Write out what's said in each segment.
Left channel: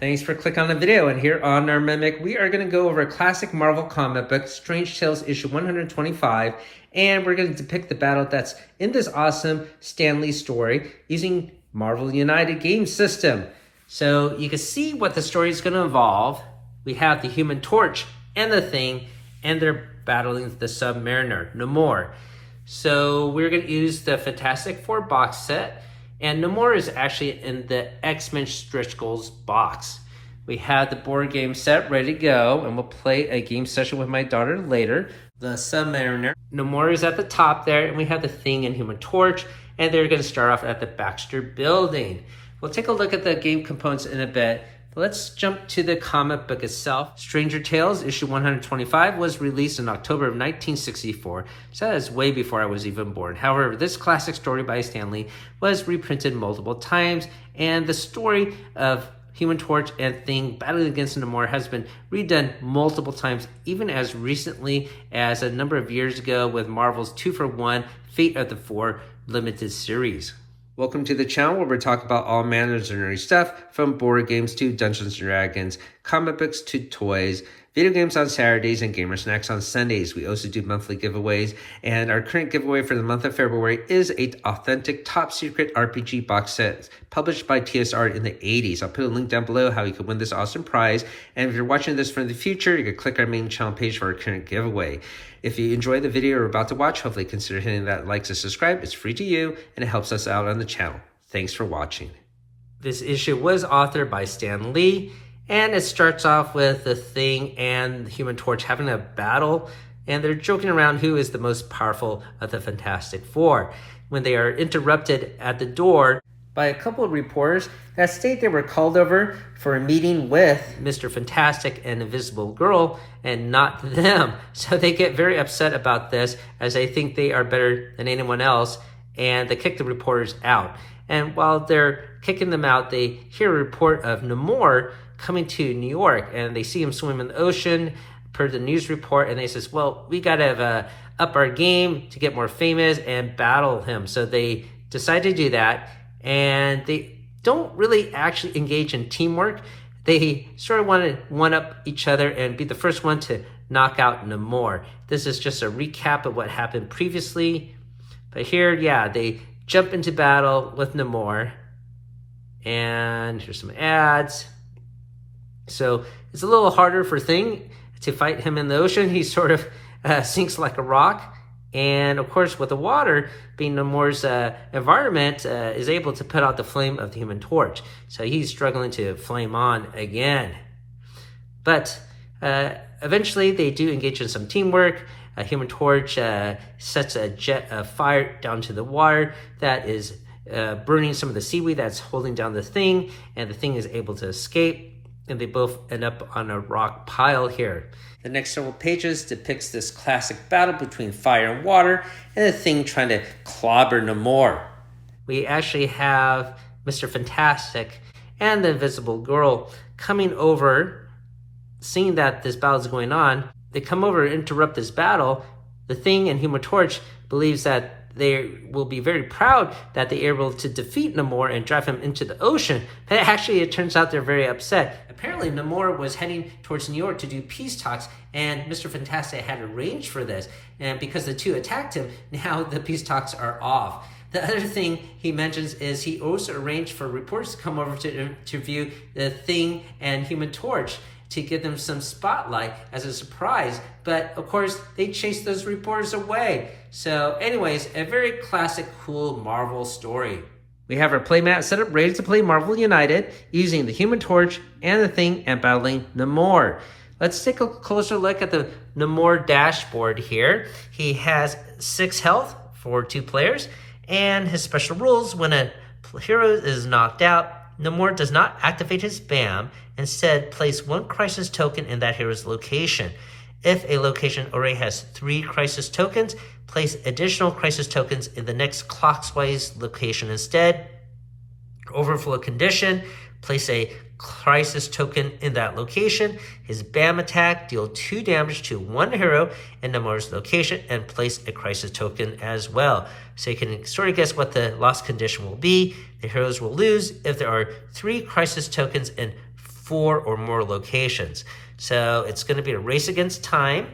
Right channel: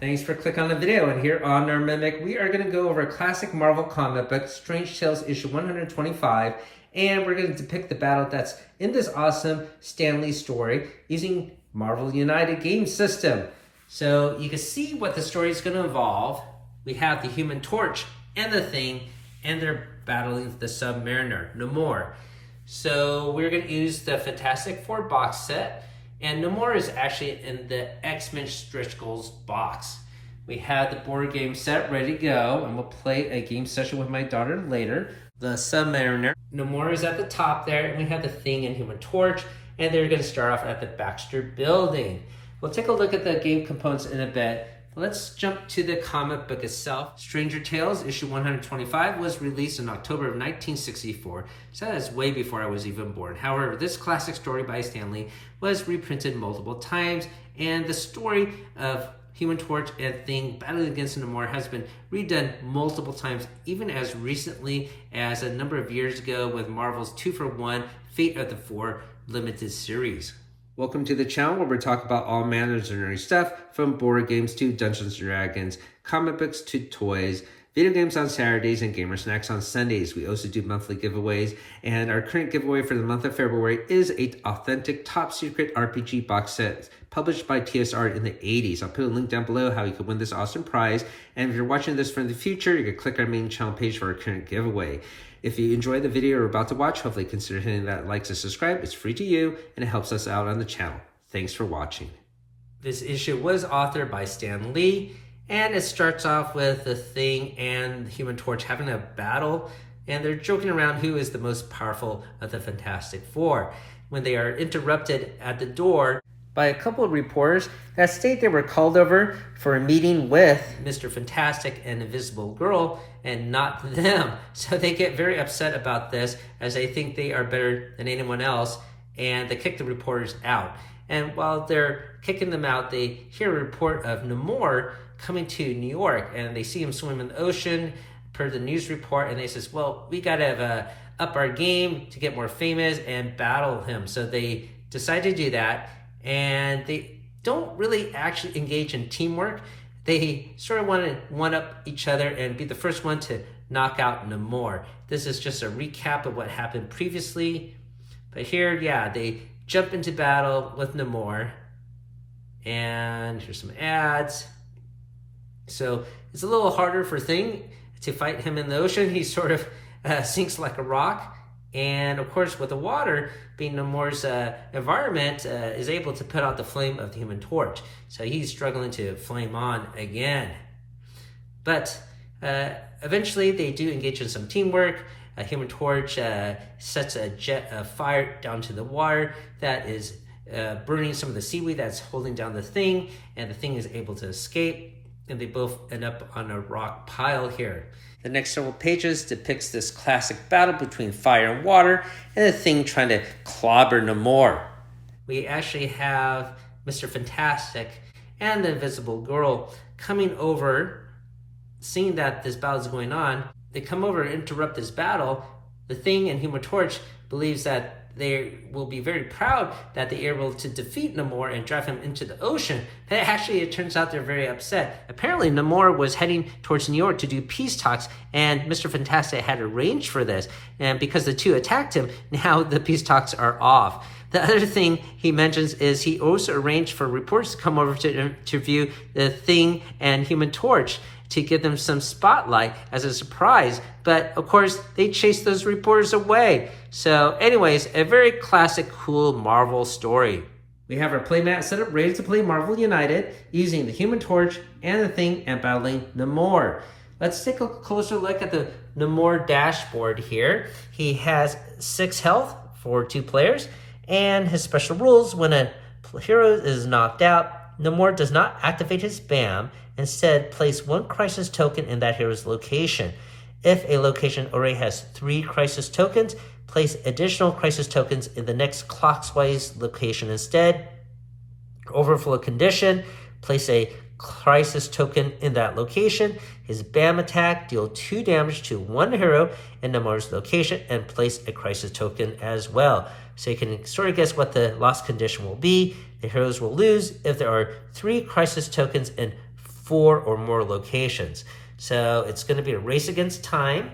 Thanks for clicking on the video, and here on our Mimic, we are going to go over a classic Marvel comic book, Strange Tales issue 125, and we're going to depict the battle that's in this awesome Stan Lee story using Marvel United game system. So you can see what the story is going to involve. We have the Human Torch and the Thing, and they're battling the Submariner, Namor. So we're going to use the Fantastic Four box set. And Namor is actually in the X-Men stretch goals box. We have the board game set ready to go, and we'll play a game session with my daughter later. The Submariner, Namor is at the top there, and we have the Thing and Human Torch, and they're going to start off at the Baxter Building. We'll take a look at the game components in a bit. Let's jump to the comic book itself. Stranger Tales, issue 125, was released in October of 1964, so that is way before I was even born. However, this classic story by Stan Lee was reprinted multiple times, and the story of Human Torch and Thing battling against Namor has been redone multiple times, even as recently as a number of years ago with Marvel's 2-for-1 Fate of the Four limited series. Welcome to the channel where we talk about all manners of nerdy stuff, from board games to Dungeons & Dragons, comic books to toys, video games on Saturdays, and gamer snacks on Sundays. We also do monthly giveaways, and our current giveaway for the month of February is an authentic top secret RPG box set published by TSR in the 80s. I'll put a link down below how you can win this awesome prize, and if you're watching this from the future, you can click our main channel page for our current giveaway. If you enjoy the video you're about to watch, hopefully consider hitting that like and subscribe. It's free to you, and it helps us out on the channel. Thanks for watching. This issue was authored by Stan Lee, and it starts off with the Thing and the Human Torch having a battle, and they're joking around who is the most powerful of the Fantastic Four, when they are interrupted at the door by a couple of reporters that state they were called over for a meeting with Mr. Fantastic and Invisible Girl and not them. So they get very upset about this, as they think they are better than anyone else, and they kick the reporters out. And while they're kicking them out, they hear a report of Namor coming to New York, and they see him swim in the ocean per the news report, and they says, well, we gotta up our game to get more famous and battle him. So they decide to do that, and they don't really actually engage in teamwork. They sort of want to one-up each other and be the first one to knock out Namor. This is just a recap of what happened previously. But here, yeah, they jump into battle with Namor. And here's some ads. So it's a little harder for Thing to fight him in the ocean. He sort of sinks like a rock. And of course, with the water being Namor's environment, is able to put out the flame of the Human Torch. So he's struggling to flame on again. But eventually they do engage in some teamwork. Human Torch sets a jet of fire down to the water that is burning some of the seaweed that's holding down the Thing, and the Thing is able to escape, and they both end up on a rock pile here. The next several pages depicts this classic battle between fire and water, and the Thing trying to clobber Namor. We actually have Mr. Fantastic and the Invisible Girl coming over, seeing that this battle is going on. They come over and interrupt this battle. The Thing and Human Torch believes that they will be very proud that they are able to defeat Namor and drive him into the ocean. But actually, it turns out they're very upset. Apparently, Namor was heading towards New York to do peace talks, and Mr. Fantastic had arranged for this. And because the two attacked him, now the peace talks are off. The other thing he mentions is he also arranged for reporters to come over to interview the Thing and Human Torch to give them some spotlight as a surprise. But of course, they chased those reporters away. So anyways, a very classic, cool Marvel story. We have our playmat set up ready to play Marvel United using the Human Torch and the Thing and battling Namor. Let's take a closer look at the Namor dashboard here. He has 6 health for 2 players, and his special rules: when a hero is knocked out, Namor does not activate his spam. Instead, place 1 crisis token in that hero's location. If a location already has 3 crisis tokens, place additional crisis tokens in the next clockwise location instead. Overflow condition: place a crisis token in that location. His BAM attack: deal 2 damage to 1 hero in Namor's location and place a crisis token as well. So you can sort of guess what the loss condition will be. The heroes will lose if there are 3 crisis tokens in 4 or more locations. So it's going to be a race against time.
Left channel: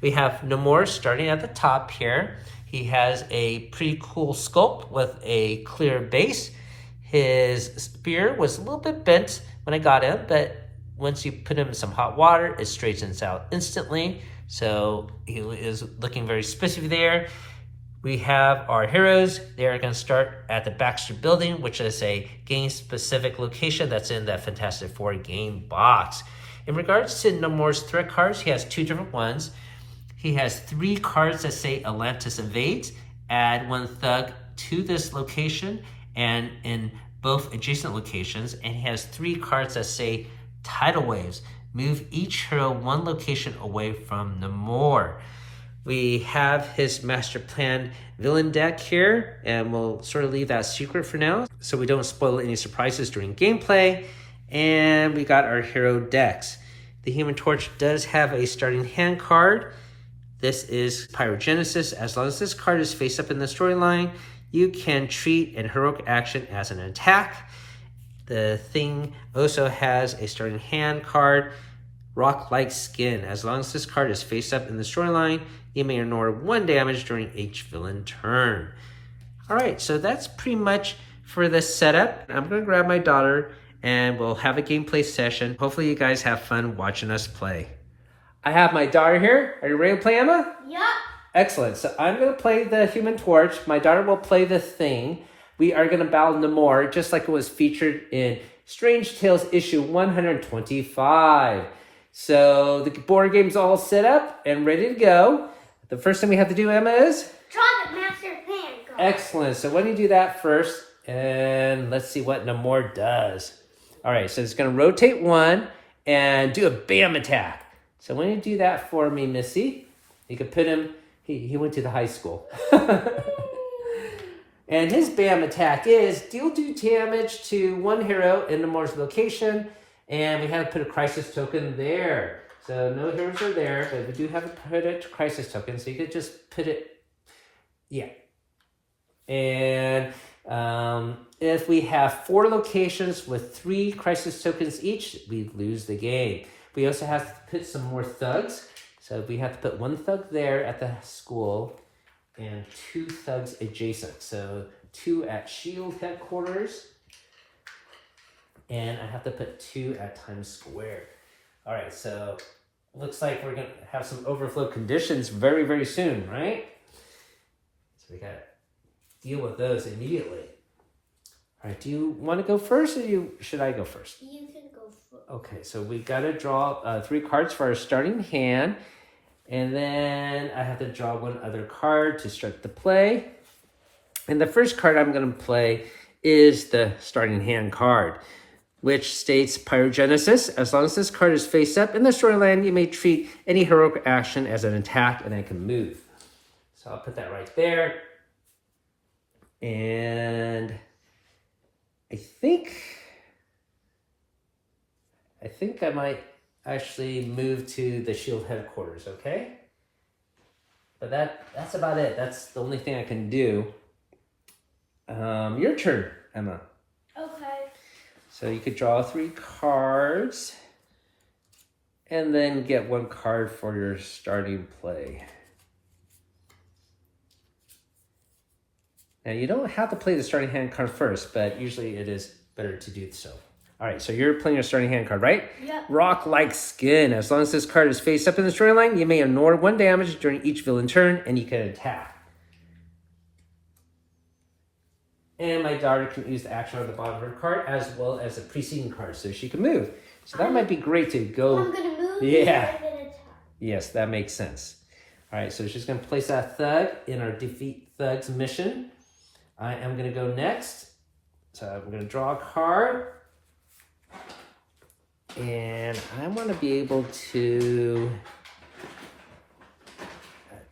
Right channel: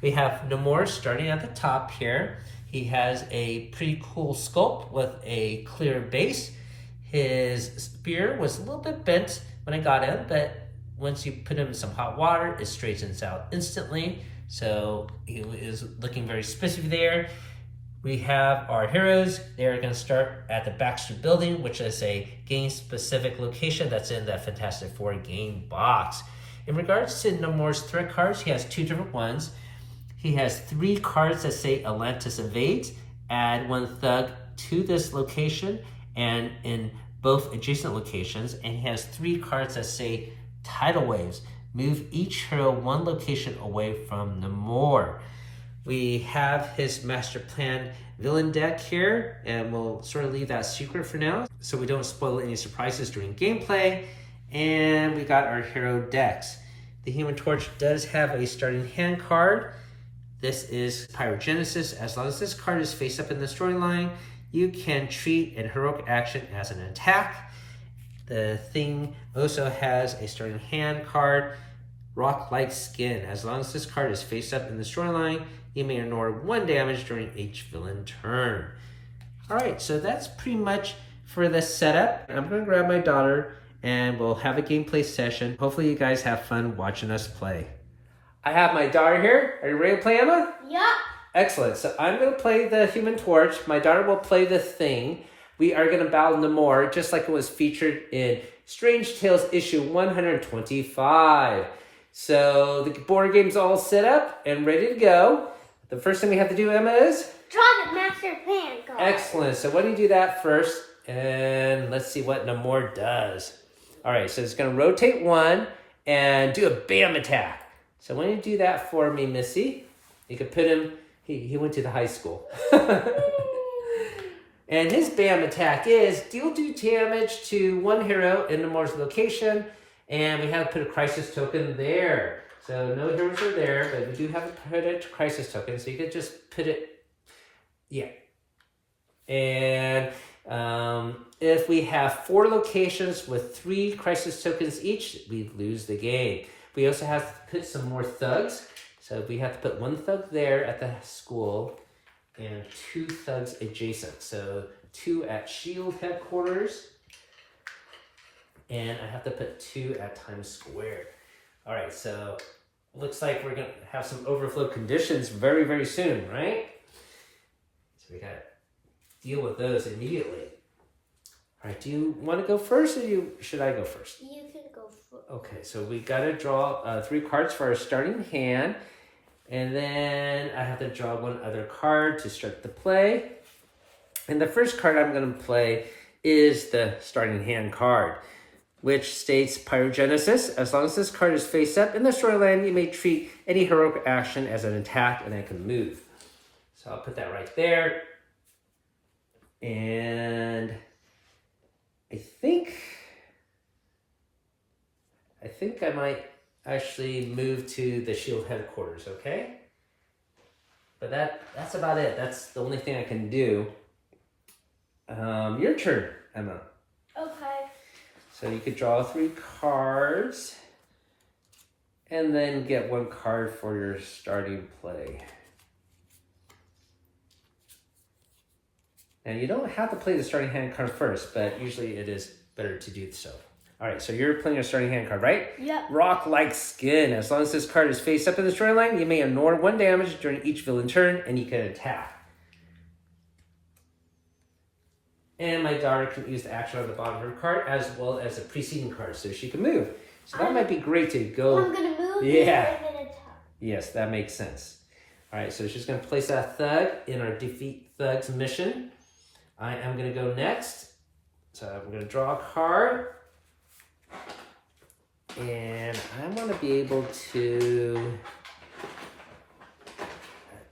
We have Namor starting at the top here. He has a pretty cool sculpt with a clear base. His spear was a little bit bent when I got him, but once you put him in some hot water, it straightens out instantly. So he is looking very spiffy there. We have our heroes. They are going to start at the Baxter Building, which is a game-specific location that's in that Fantastic Four game box. In regards to Namor's threat cards, he has 2 different ones. He has 3 cards that say Atlantis invades. Add 1 thug to this location and in both adjacent locations. And he has 3 cards that say tidal waves. Move each hero 1 location away from Namor. We have his master plan villain deck here, and we'll sort of leave that secret for now so we don't spoil any surprises during gameplay. And we got our hero decks. The Human Torch does have a starting hand card. This is Pyrogenesis. As long as this card is face up in the storyline, you can treat an heroic action as an attack. The Thing also has a starting hand card, Rock-like Skin. As long as this card is face up in the storyline, you may ignore 1 damage during each villain turn. All right, so that's pretty much for the setup. I'm gonna grab my daughter and we'll have a gameplay session. Hopefully you guys have fun watching us play. I have my daughter here. Are you ready to play, Emma? Yeah. Excellent. So I'm going to play the Human Torch. My daughter will play the Thing. We are going to battle Namor, just like it was featured in Strange Tales issue 125. So the board game's all set up and ready to go. The first thing we have to do, Emma, is? Draw the master plan card. Excellent. So why don't you do that first? And let's see what Namor does. All right, so it's going to rotate 1 and do a BAM attack. So why don't you do that for me, Missy? You can put him, he went to the high school. And his BAM attack is deal 2 damage to 1 hero in Namor's location. And we have to put a crisis token there. So no heroes are there, but we do have to put a crisis token. So you could just put it, yeah. And if we have 4 locations with 3 crisis tokens each, we lose the game. We also have to put some more thugs. So we have to put 1 thug there at the school and 2 thugs adjacent. So 2 at SHIELD headquarters. And I have to put 2 at Times Square. All right, so looks like we're going to have some overflow conditions very, very soon, right? So we got to deal with those immediately. All right, do you want to go first or should I go first? You can go first. Okay, so we got to draw 3 cards for our starting hand. And then I have to draw 1 other card to start the play. And the first card I'm going to play is the starting hand card, which states Pyrogenesis. As long as this card is face up in the storyline, you may treat any heroic action as an attack and I can move. So I'll put that right there. And I think I might actually move to the SHIELD headquarters, okay? But that's about it. That's the only thing I can do. Your turn, Emma. Okay. So you could draw 3 cards and then get 1 card for your starting play. Now you don't have to play the starting hand card first, but usually it is better to do so. All right, so you're playing a starting hand card, right? Yep. Rock-like Skin. As long as this card is face up in the storyline, you may ignore 1 damage during each villain turn, and you can attack. And my daughter can use the action on the bottom of her card as well as the preceding card, so she can move. So that might be great to go. I'm going to move. Yeah. You're going to attack. Yes, that makes sense. All right, so she's going to place that thug in our Defeat Thugs mission. I am going to go next. So I'm going to draw a card. And I want to be able to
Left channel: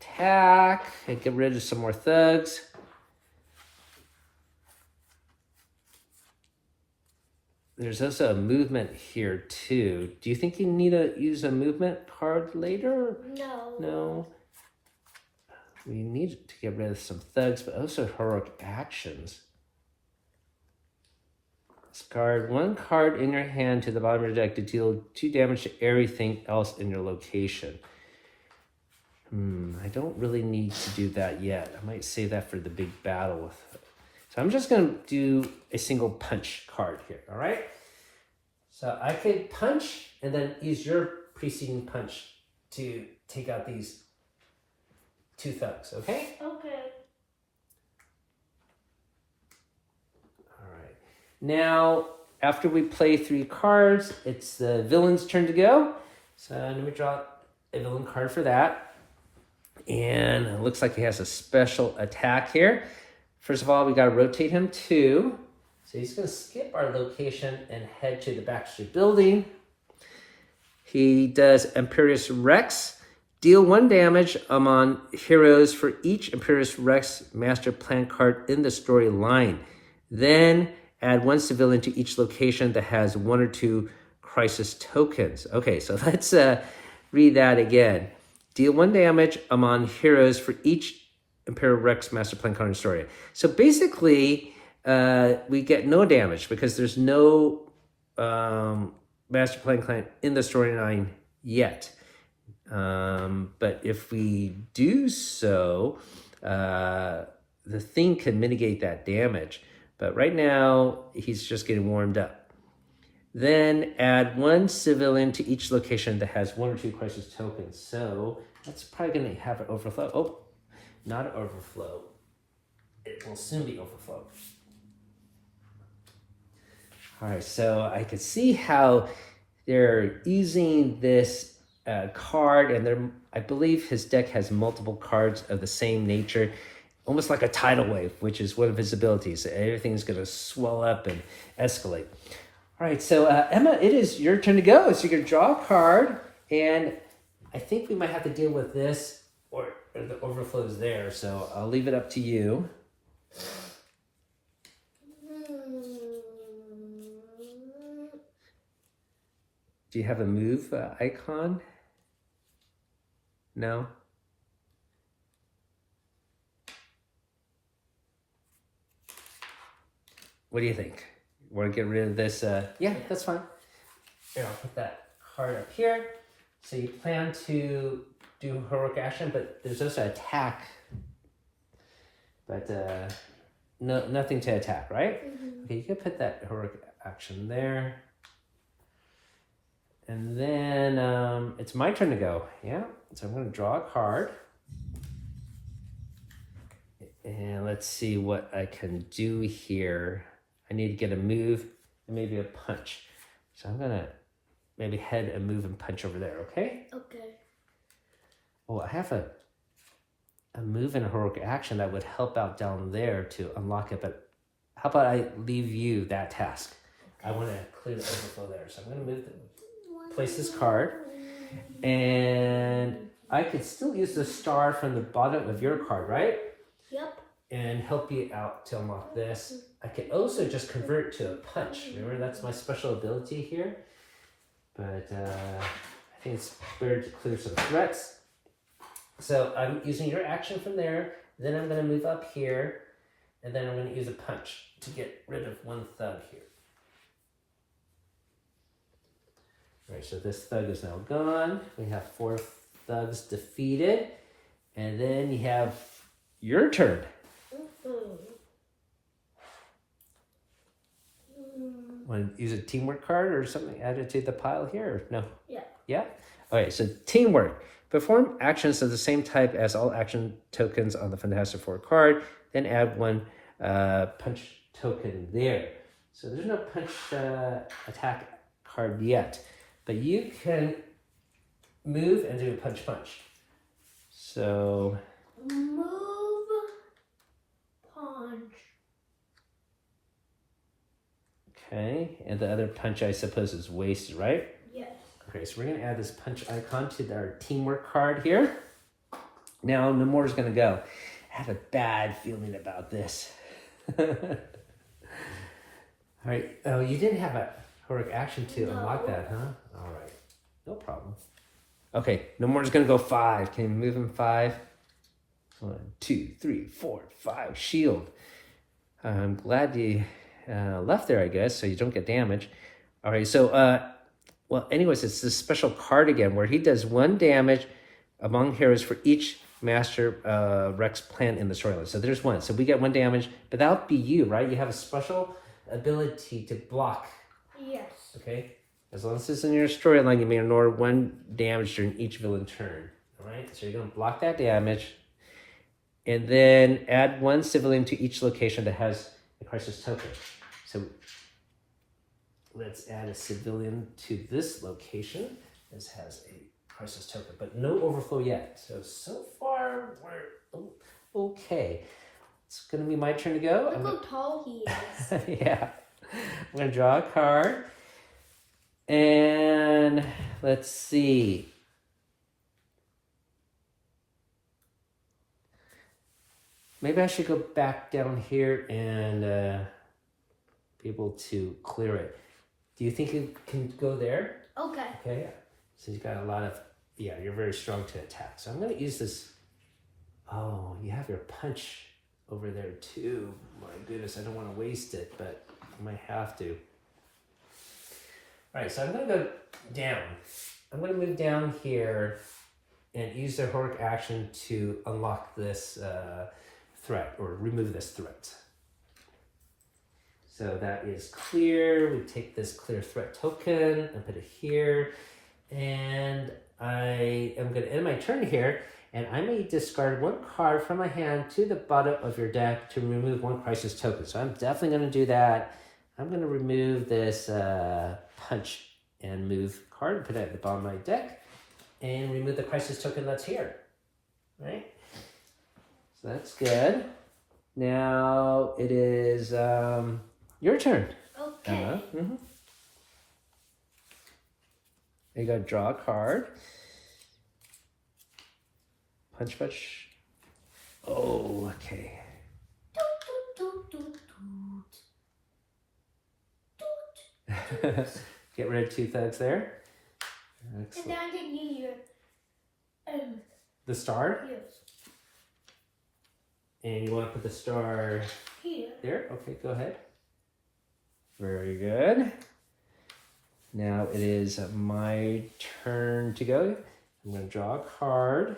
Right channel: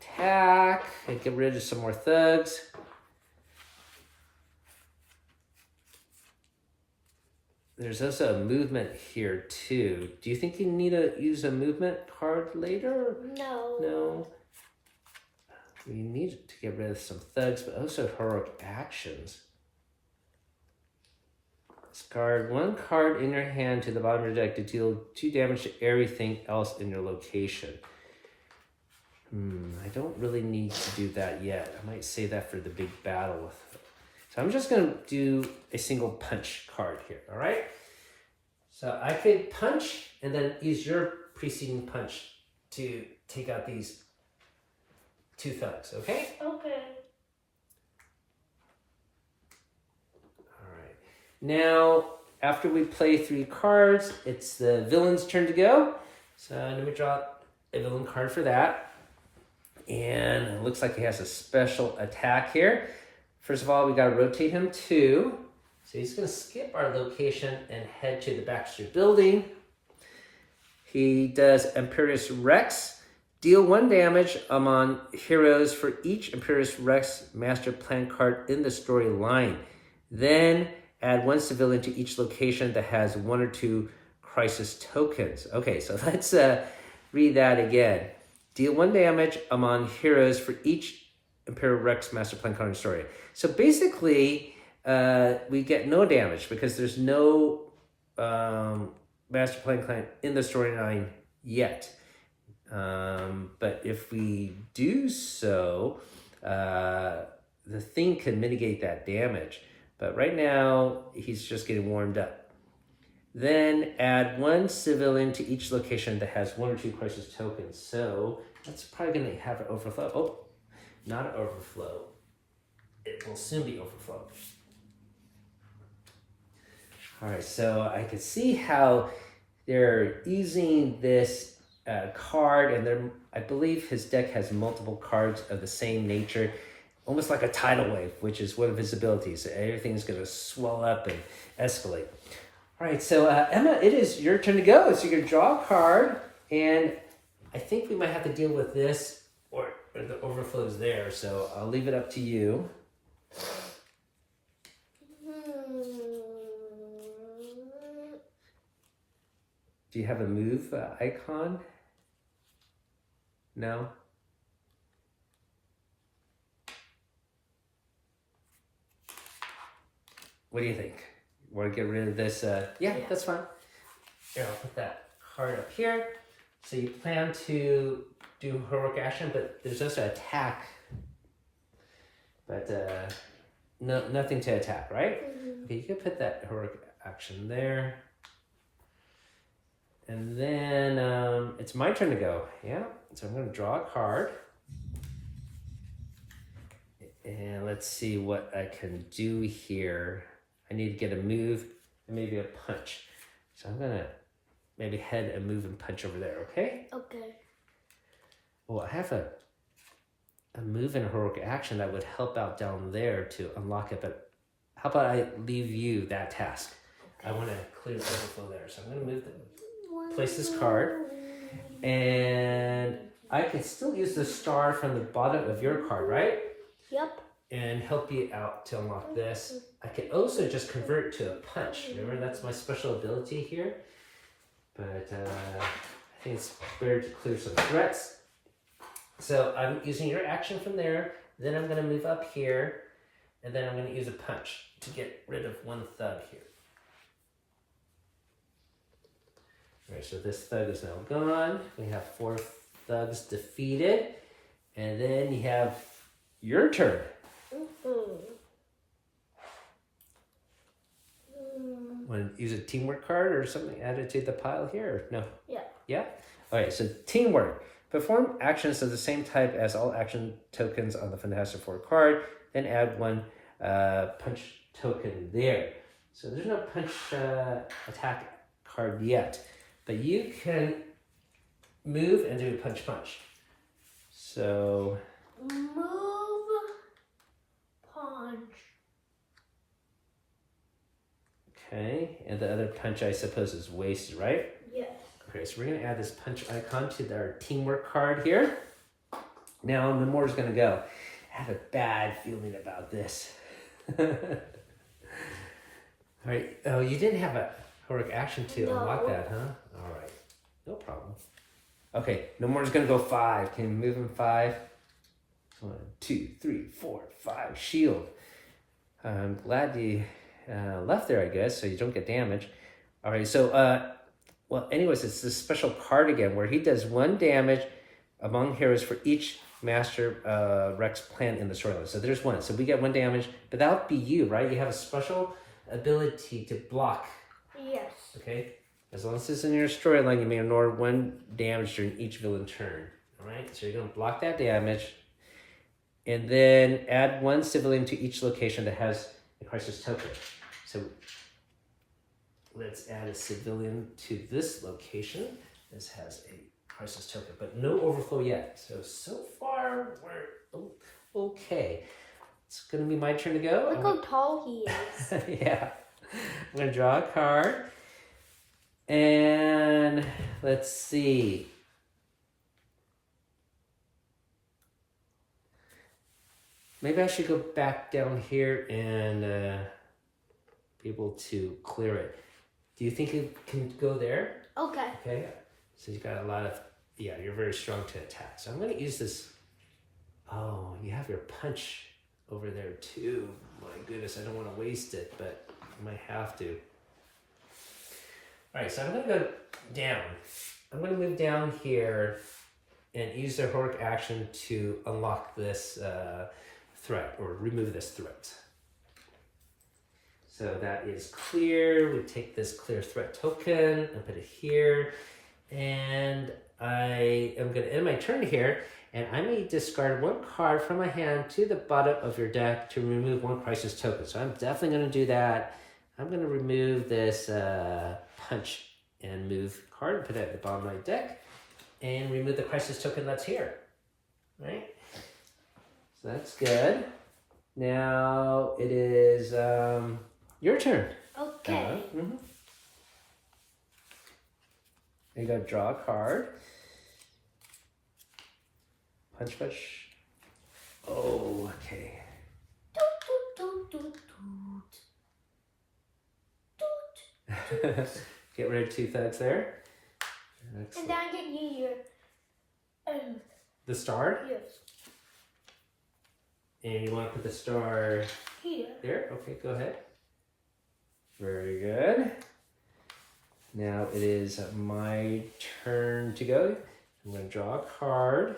attack and get rid of some more thugs. There's also a movement here too. Do you think you need to use a movement card later? No. No. We need to get rid of some thugs, but also heroic actions. Discard one card in your hand to the bottom of your deck to deal 2 damage to everything else in your location. I don't really need to do that yet. I might save that for the big battle. So I'm just going to do a single punch card here, all right? So I could punch and then use your preceding punch to take out these 2 thugs, okay? Okay. All right. Now, after we play 3 cards, it's the villain's turn to go. So let me draw a villain card for that. And it looks like he has a special attack here. First of all, we got to rotate him 2. So he's going to skip our location and head to the Baxter building. He does Imperious Rex. Deal 1 damage among heroes for each Imperious Rex master plan card in the storyline. Then add 1 civilian to each location that has 1 or 2 crisis tokens. Okay, so let's read that again. Deal 1 damage among heroes for each Imperial Rex master plan card in the story. So basically, we get no damage because there's no master plan clan in the storyline yet. But if we do so, the thing can mitigate that damage. But right now, he's just getting warmed up. Then add 1 civilian to each location that has 1 or 2 crisis tokens. So that's probably going to have an overflow. Oh, not an overflow. It will soon be overflow. All right, so I can see how they're using this card, and I believe his deck has multiple cards of the same nature, almost like a tidal wave, which is one of his abilities. Everything's going to swell up and escalate. All right, so Emma, it is your turn to go. So you're going to draw a card, and I think we might have to deal with this, or the overflow is there, so I'll leave it up to you. Do you have a move icon? No? What do you think? Want to get rid of this? Yeah, that's fine. Here, I'll put that card up here. So you plan to do heroic action, but there's also attack. But no, nothing to attack, right? Okay, you can put that heroic action there. And then it's my turn to go, yeah? So I'm going to draw a card. And let's see what I can do here. I need to get a move and maybe a punch. So I'm going to maybe head and move and punch over there, okay? Okay. Well, I have a move and a heroic action that would help out down there to unlock it, but how about I leave you that task? I want to clear the overflow there. So I'm going to move place this card, and I could still use the star from the bottom of your card, right? Yep. And help you out to unlock this. I could also just convert it to a punch. Remember, that's my special ability here. But I think it's better to clear some threats. So I'm using your action from there. Then I'm going to move up here, and then I'm going to use a punch to get rid of 1 thug here. All right, so this thug is now gone. We have 4 thugs defeated. And then you have your turn. Want to use a teamwork card or something added to the pile here? Or no? Yeah. Yeah? All right, so teamwork. Perform actions of the same type as all action tokens on the Fantastic Four card. Then add 1 punch token there. So there's no punch attack card yet. But you can move and do a punch. So Move, punch. okay, and the other punch I suppose is wasted, right? Yes. Okay, so we're gonna add this punch icon to our teamwork card here. Now Namor's gonna go. I have a bad feeling about this. All right. Oh, you didn't have a heroic action to unlock that, huh? All right. No problem. Okay, Namor's gonna go 5. Can you move him 5? 1, 2, 3, 4, 5. Shield. I'm glad you left there, I guess, so you don't get damage. All right, so, well, anyways, it's this special card again where he does 1 damage among heroes for each Master Rex plant in the storyline. So there's 1. So we get 1 damage, but that would be you, right? You have a special ability to block. Yes. Okay? As long as it's in your storyline, you may ignore 1 damage during each villain turn. All right? So you're going to block that damage. And then add 1 civilian to each location that has a crisis token. So let's add a civilian to this location. This has a crisis token, but no overflow yet. So far, we're okay. It's going to be my turn to go. Look how tall he is. Yeah. I'm going to draw a card. And let's see. Maybe I should go back down here and be able to clear it. Do you think you can go there? Okay. Okay, yeah. So you got a lot of, yeah, you're very strong to attack. So I'm going to use this. Oh, you have your punch over there too. My goodness, I don't want to waste it, but I might have to. All right, so I'm going to go down. I'm going to move down here and use the heroic action to unlock this threat or remove this threat. So that is clear. We take this clear threat token and put it here. And I am going to end my turn here. And I may discard 1 card from my hand to the bottom of your deck to remove 1 crisis token. So I'm definitely going to do that. I'm going to remove this punch and move card, put it at the bottom of my deck, and remove the crisis token that's here. Right? So that's good. Now it is your turn. Okay. Mm-hmm. You gotta draw a card. Punch, punch. Oh, okay. Get rid of 2 thugs there. And then I can use your the star? yes. And you want to put the star Here. there? Okay, go ahead. Very good. Now it is my turn to go. I'm going to draw a card.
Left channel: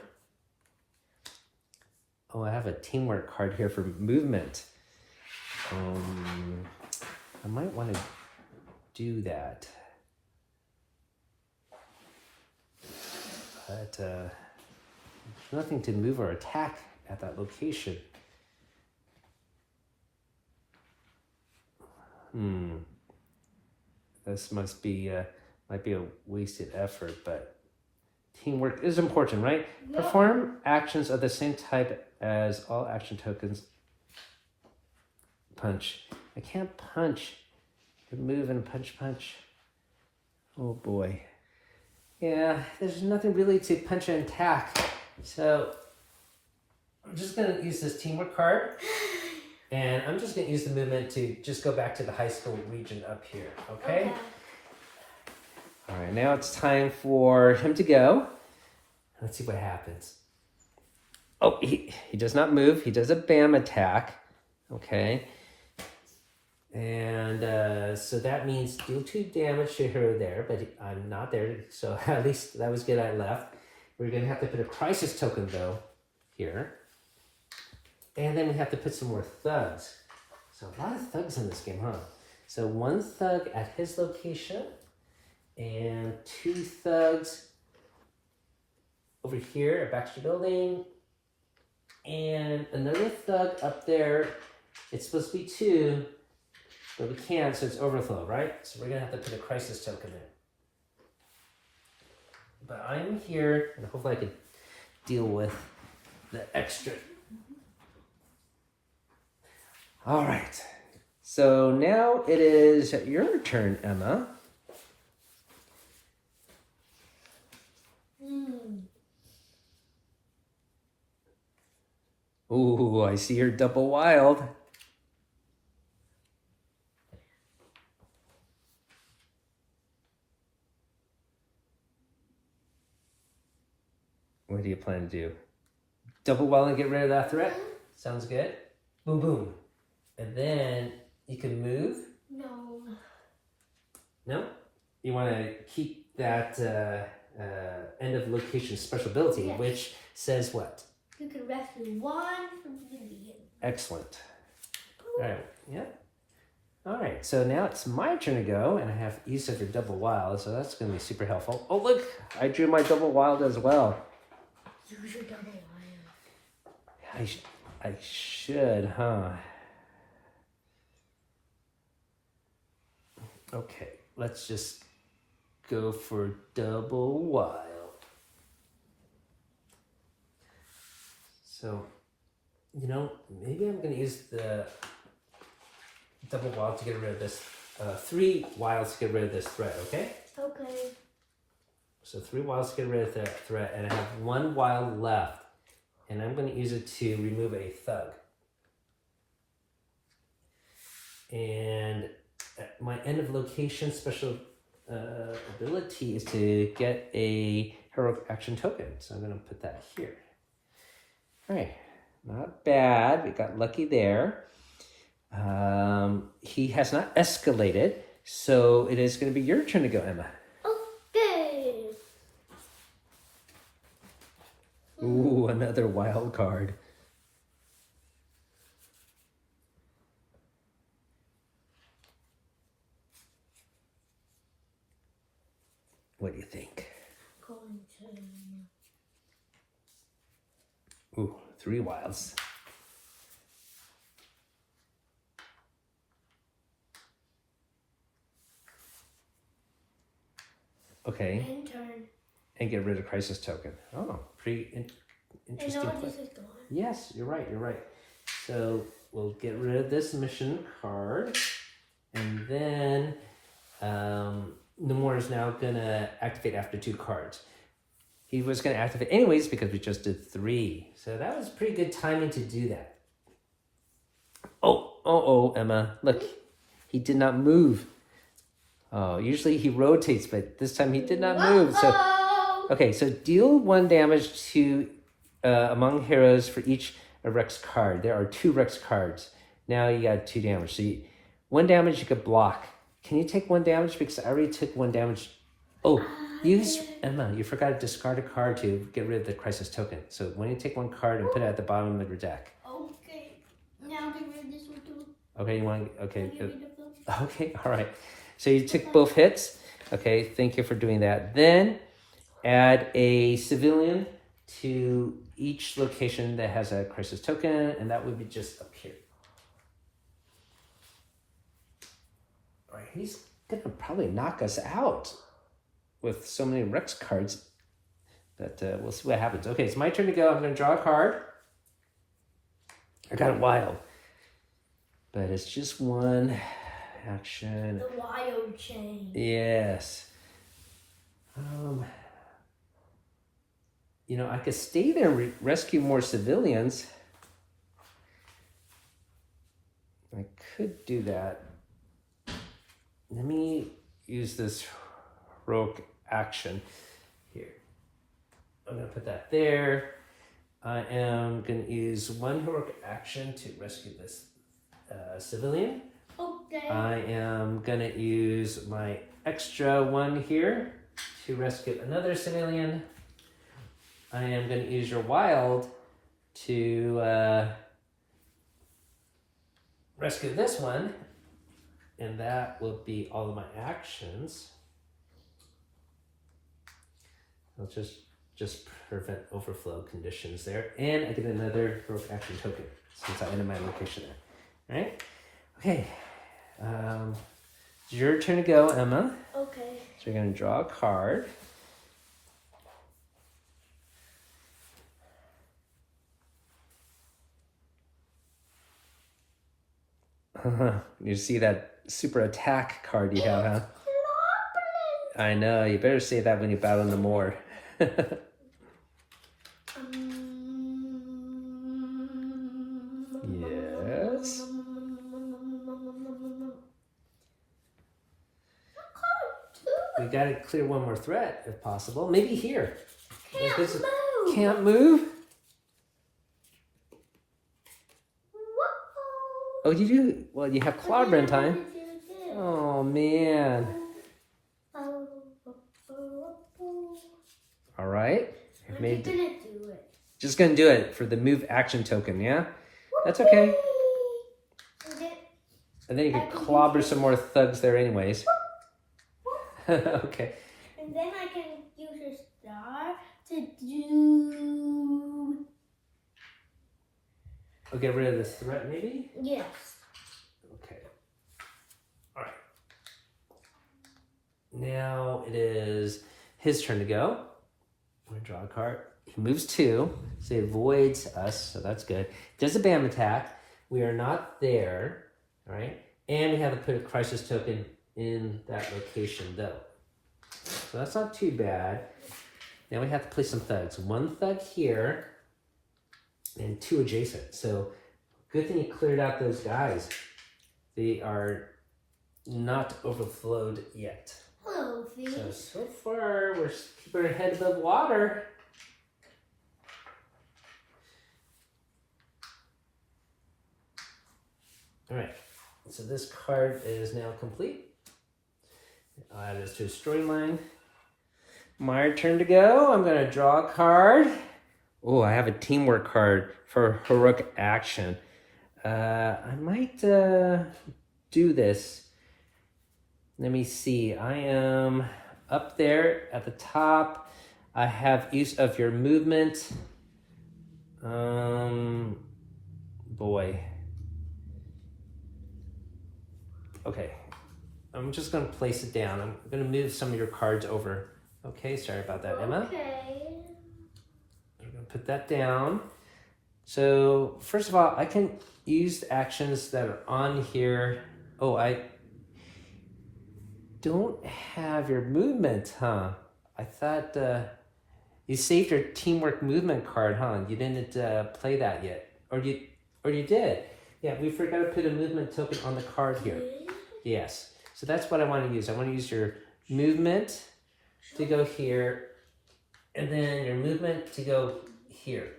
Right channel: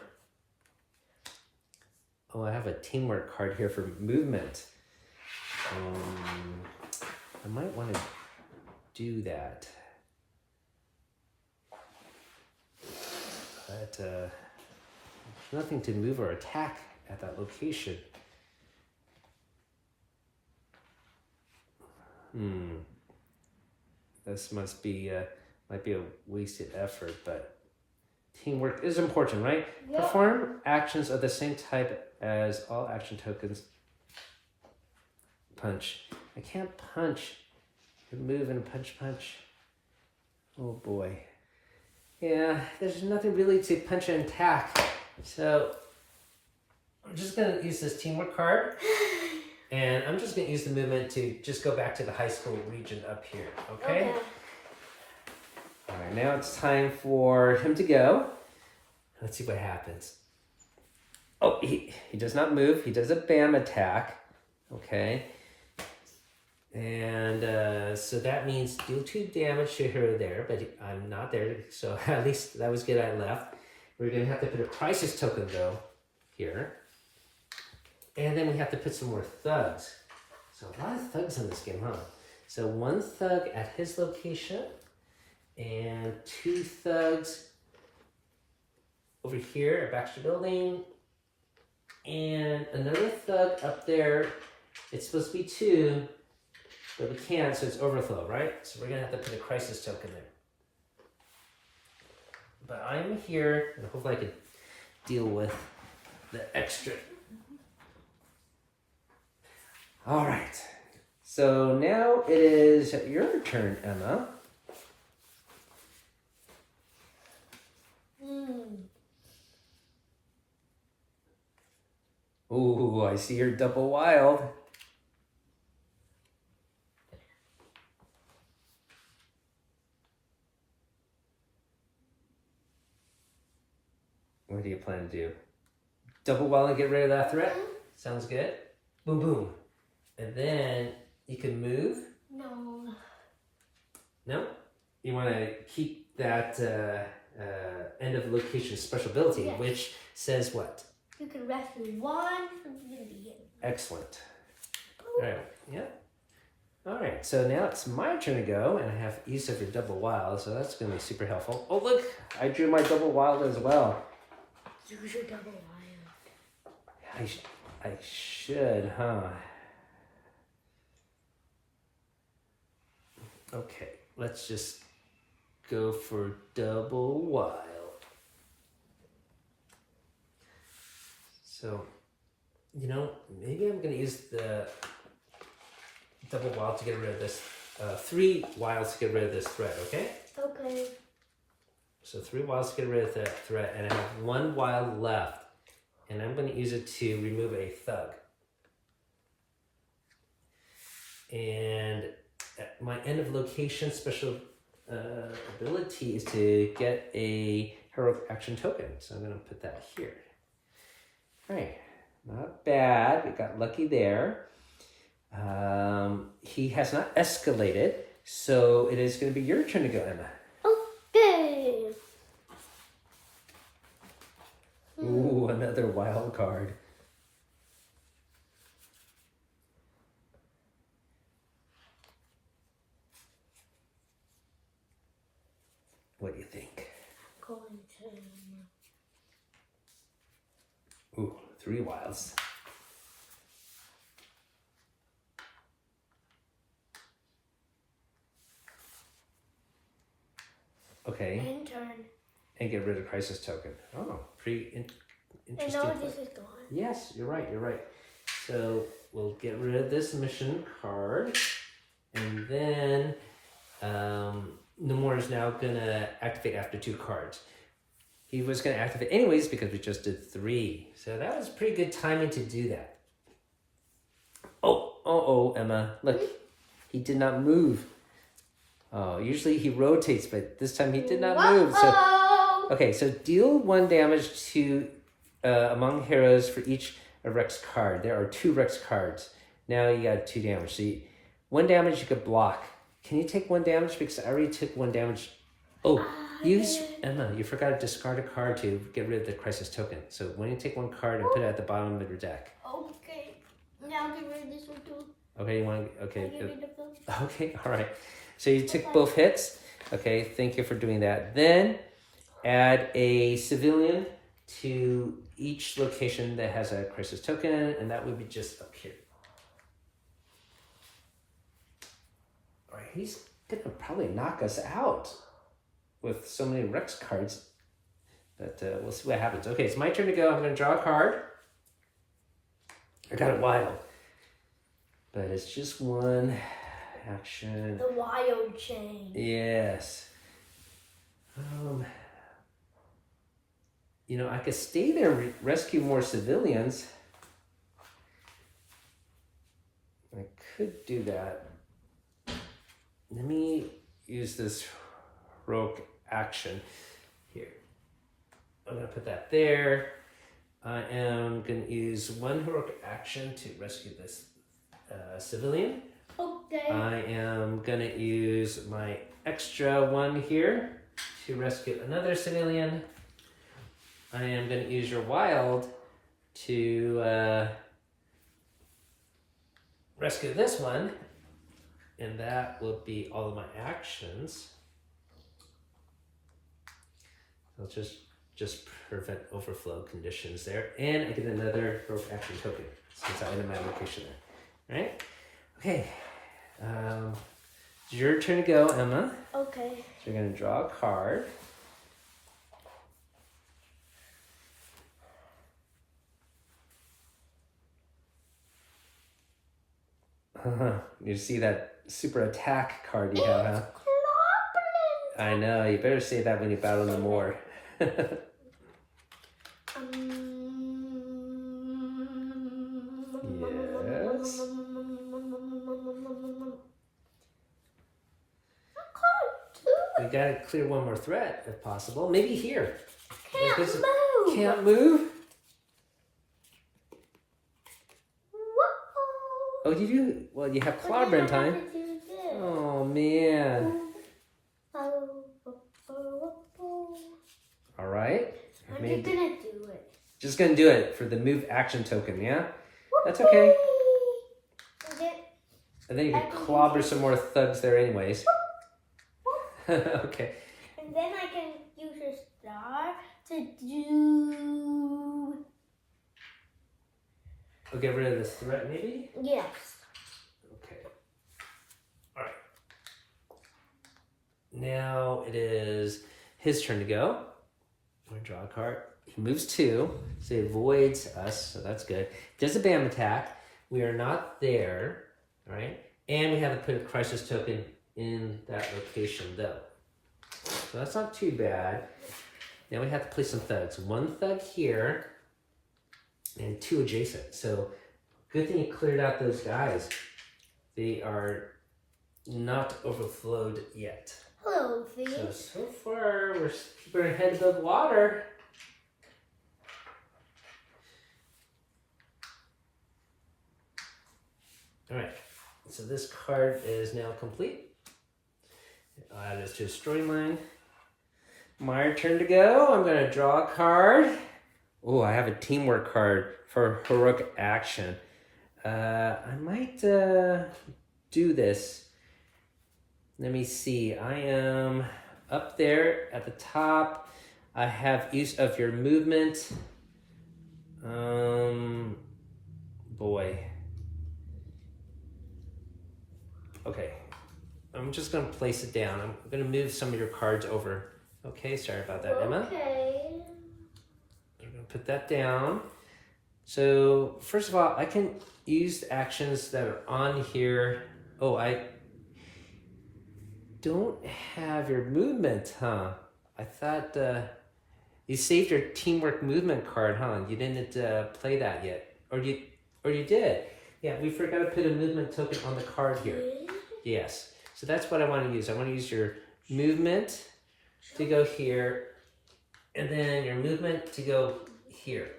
Oh, I have a teamwork card here for movement. I might want to do that. But there's nothing to move or attack at that location. This must be might be a wasted effort, but teamwork is important, right? Yeah. Perform actions of the same type as all action tokens. Punch. I can't punch. Move and punch, punch. Oh boy. Yeah, there's nothing really to punch and attack. So I'm just gonna use this teamwork card. And I'm just going to use the movement to just go back to the high school region up here, okay? All right, now it's time for him to go. Let's see what happens. Oh, he does not move. He does a BAM attack, okay? And so that means deal 2 damage to her there, but I'm not there, so at least that was good I left. We're going to have to put a crisis token, though, here. And then we have to put some more thugs. So a lot of thugs in this game, huh? So 1 thug at his location, and 2 thugs over here at Baxter Building, and another thug up there. It's supposed to be 2, but we can't, so it's overflow, right? So we're gonna have to put a crisis token there. But I'm here, and hopefully I can deal with the extra. All right, so now it is your turn, Emma. Ooh, I see your double wild. What do you plan to do? Double wild and get rid of that threat? Sounds good. Boom, boom. And then You can move. No. No? You want to keep that end of location special ability, Yes. which says what? You can rescue one civilian. Excellent. All right. Yeah. All right. So now it's my turn to go, and I have used it for double wild, so that's going to be super helpful. Oh, look! I drew my double wild as well. Use your double wild. I should, huh? Okay. Let's just go for double wild. So, you know, maybe I'm going to use the double wild to get rid of this. 3 wilds to get rid of this threat, okay? Okay. So 3 wilds to get rid of that threat, and I have 1 wild left. And I'm going to use it to remove a thug. And my end of location special ability is to get a heroic action token. So I'm going to put that here. All right, not bad. We got lucky there. He has not escalated, so it is going to be your turn to go, Emma. Okay. Ooh, another wild card. What do you think? Going to. Ooh, 3 wilds. Okay. End turn. And get rid of crisis token. Oh, pretty interesting. And now this is gone. Yes, you're right, you're right. So we'll get rid of this mission card. And then Namor is now gonna activate after 2 cards. He was gonna activate anyways because we just did 3. So that was pretty good timing to do that. Oh, Emma, look, he did not move. Oh, usually he rotates, but this time he did not move. So, okay, so deal 1 damage to among heroes for each Rex card. There are 2 Rex cards. Now you got 2 damage. So 1 damage you could block. Can you take 1 damage? Because I already took 1 damage. Oh, Emma, you forgot to discard a card to get rid of the crisis token. So when you take 1 card and put it at the bottom of your deck. Okay. Now get rid of this one too. Okay, you want to, okay. Get rid of them. Okay, all right. So you took both hits. Okay, thank you for doing that. Then add a civilian to each location that has a crisis token, and that would be just up here. All right, he's gonna probably knock us out with so many Rex cards, but we'll see what happens. Okay, it's my turn to go. I'm gonna draw a card. I got it wild, but it's just 1 action. The wild chain. Yes. You know, I could stay there and rescue more civilians. I could do that. Let me use this heroic action here. I'm going to put that there. I am going to use 1 heroic action to rescue this civilian. Okay. I am going to use my extra 1 here to rescue another civilian. I am going to use your wild to rescue this one. And that will be all of my actions. I'll just prevent overflow conditions there. And I get another heroic action token since I ended my location there. All right? Okay. It's your turn to go, Emma. Okay. So you're going to draw a card. You see that super attack card you have, huh? I know. You better say that when you battle Namor. Yes. We gotta clear 1 more threat if possible. Maybe here. Can't move. Can't move? Oh, you do? Well, you have clobbering time. Oh, man. All right. I'm just gonna do it. Just gonna do it for the move action token, yeah? That's okay. And then you can clobber some more thugs there anyways. Okay. And then I can use a star to do... We'll get rid of the threat, maybe? Yes. Okay. All right. Now it is his turn to go. I'm gonna draw a card. He moves 2, so he avoids us, so that's good. Does a BAM attack. We are not there, all right? And we have to put a crisis token in that location, though. So that's not too bad. Now we have to place some thugs. 1 thug here, and 2 adjacent. So good thing you cleared out those guys. They are not overflowed yet. Hello, V. So far, we're keeping our head above water. All right, so this card is now complete. I'll add this to a storyline. My turn to go. I'm going to draw a card. Oh, I have a teamwork card for heroic action. I might do this. Let me see. I am up there at the top. I have use of your movement. Boy. Okay. I'm just going to place it down. I'm going to move some of your cards over. Okay, sorry about that, Emma. Okay. I'm going to put that down. So, first of all, I can use actions that are on here. Oh, I don't have your movement, huh? I thought you saved your teamwork movement card, huh? You didn't play that yet. Or you did. Yeah, we forgot to put a movement token on the card here. Yes. So that's what I want to use. I want to use your movement to go here, and then your movement to go here.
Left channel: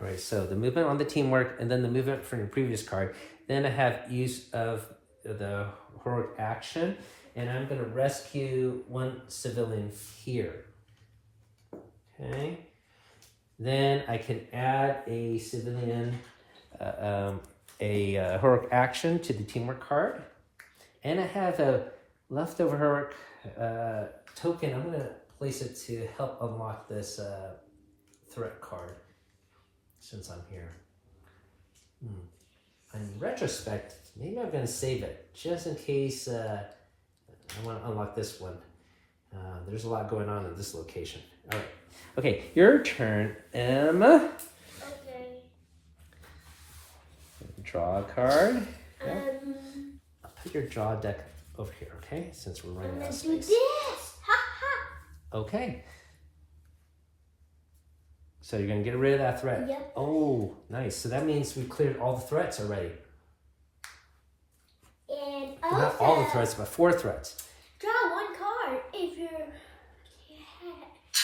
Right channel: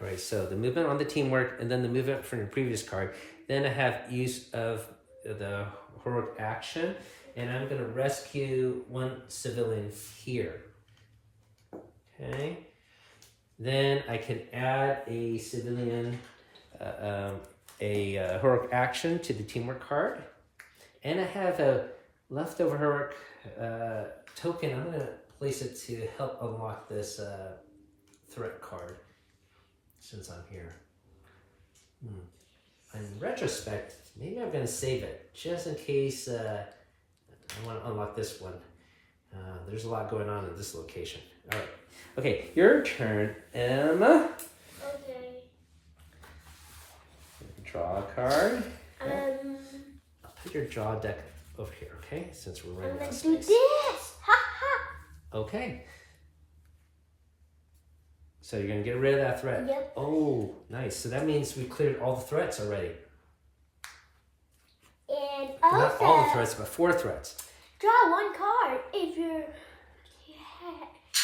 All right, so the movement on the teamwork, and then the movement from your previous card. Then I have use of the heroic action, and I'm going to rescue 1 civilian here. Okay. Then I can add a civilian, heroic action to the teamwork card. And I have a leftover heroic token. I'm going to place it to help unlock this threat card since I'm here. In retrospect, maybe I'm going to save it just in case I want to unlock this one. There's a lot going on in this location. All right. Okay, your turn, Emma. Okay. Draw a card. I'll put your draw deck over here, okay? Since we're running out of Let's do space. this. Ha ha. Okay. So you're gonna get rid of that threat. Yep. Oh, nice. So that means we cleared all the threats already. And Not all the also, threats, but 4 threats. draw 1 card if your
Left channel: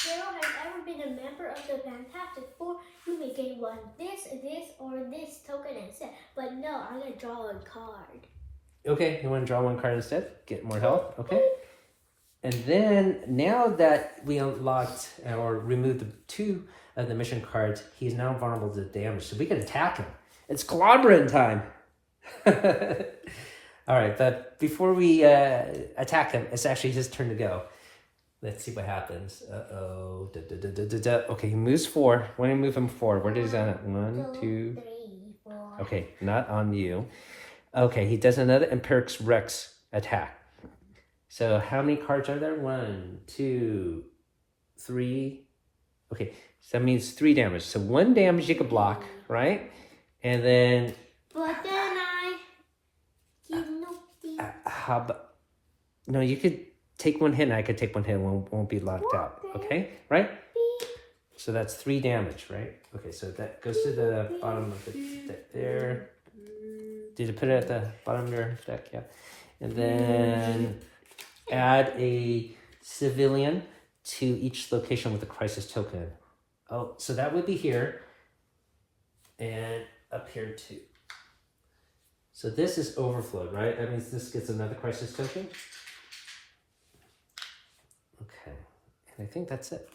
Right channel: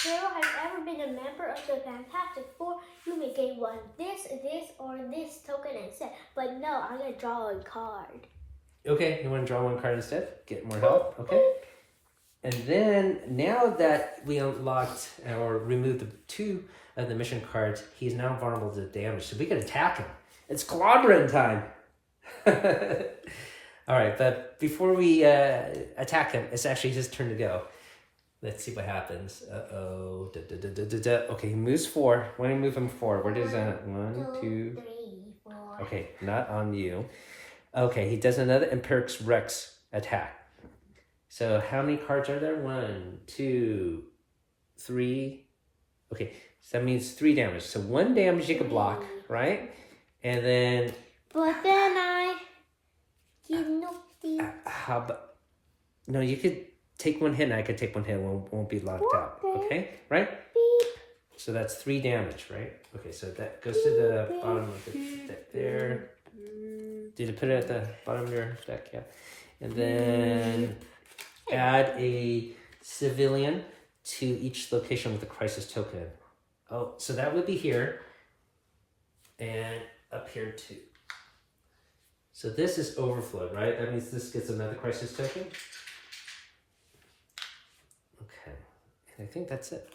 hero has ever been a member of the Fantastic Four. You may gain 1 this, or this token instead. But no, I'm gonna draw a card. Okay, you want to draw 1 card instead? Get more health. Okay. And then now that we unlocked or removed the 2 of the mission cards, he's now vulnerable to damage. So we can attack him. It's clobbering time. All right, but before we attack him, it's actually his turn to go. Let's see what happens. Uh-oh. Okay, he moves 4. When I move him 4, what is that? 1, 2, 3, 4. Okay, not on you. Okay, he does another Empiric's Rex attack. So how many cards are there? 1, 2, 3. Okay, so that means 3 damage. So 1 damage you could block, right? And then... But then I... how about... No, you could take 1 hit and I could take 1 hit and won't be locked out. Okay, right? Beep. So that's 3 damage, right? Okay, so that goes to the bottom of the deck there. Did you put it at the bottom of your deck? Yeah. And then add a civilian to each location with a crisis token. Oh, so that would be here and up here too. So this is overflowed, right? That means this gets another crisis token. Okay, and I think that's it.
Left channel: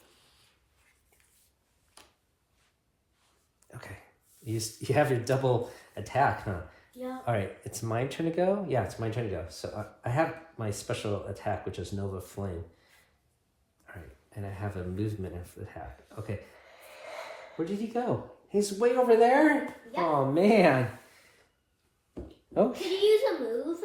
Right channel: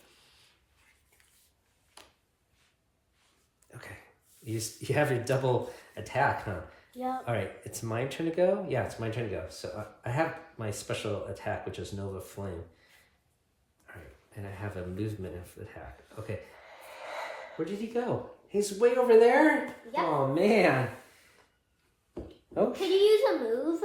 Okay, you have your double attack, huh? Yeah. All right, it's my turn to go? Yeah, it's my turn to go. So I have my special attack, which is Nova Flame. All right, and I have a movement attack. Okay, where did he go? He's way over there? Yeah. Oh, man. Oh. Could you use a move?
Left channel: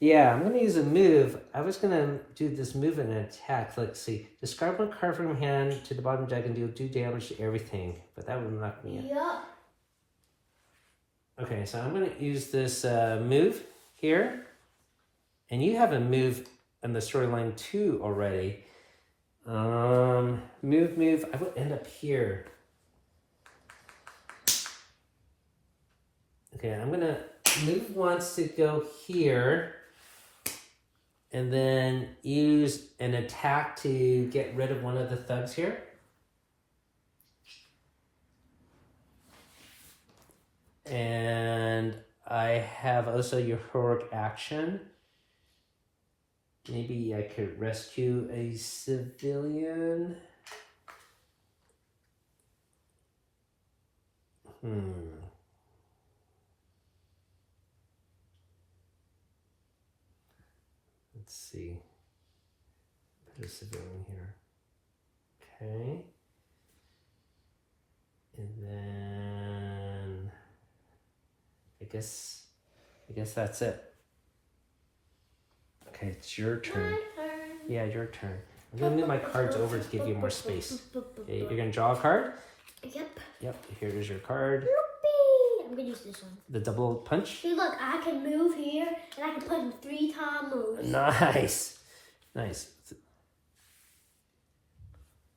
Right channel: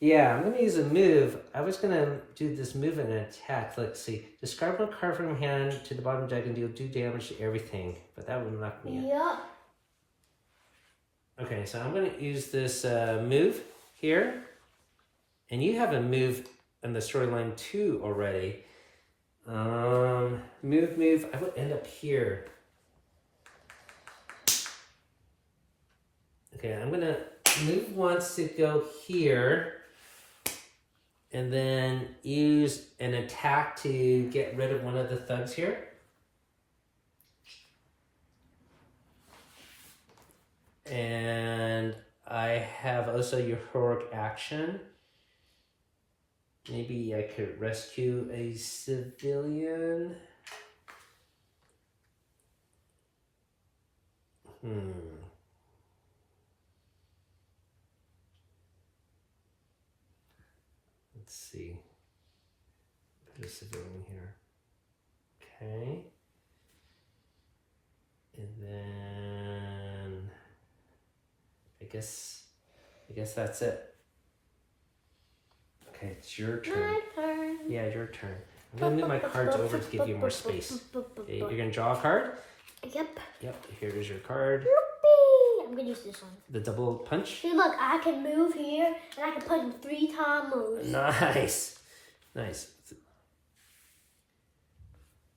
Yeah, I'm going to use a move. I was going to do this move and attack. Let's see. Describe one card from your hand to the bottom deck and do damage to everything. But that would knock me out. Yeah. Okay, so I'm going to use this move here. And you have a move in the storyline too already. Move. I would end up here. Okay, I'm going to move once to go here. And then use an attack to get rid of one of the thugs here. And I have also your heroic action. Maybe I could rescue a civilian. Let's see. Put a civilian here. Okay. And then I guess that's it. Okay, it's your turn. My turn. Yeah, your turn. I'm gonna move my cards over to give you more space. Okay, you're gonna draw a card? Yep. Yep, here is your card. Whoopee. I'm gonna use this one. The double punch? See, look, I can move here, and I can put in 3-time moves. Nice. Nice.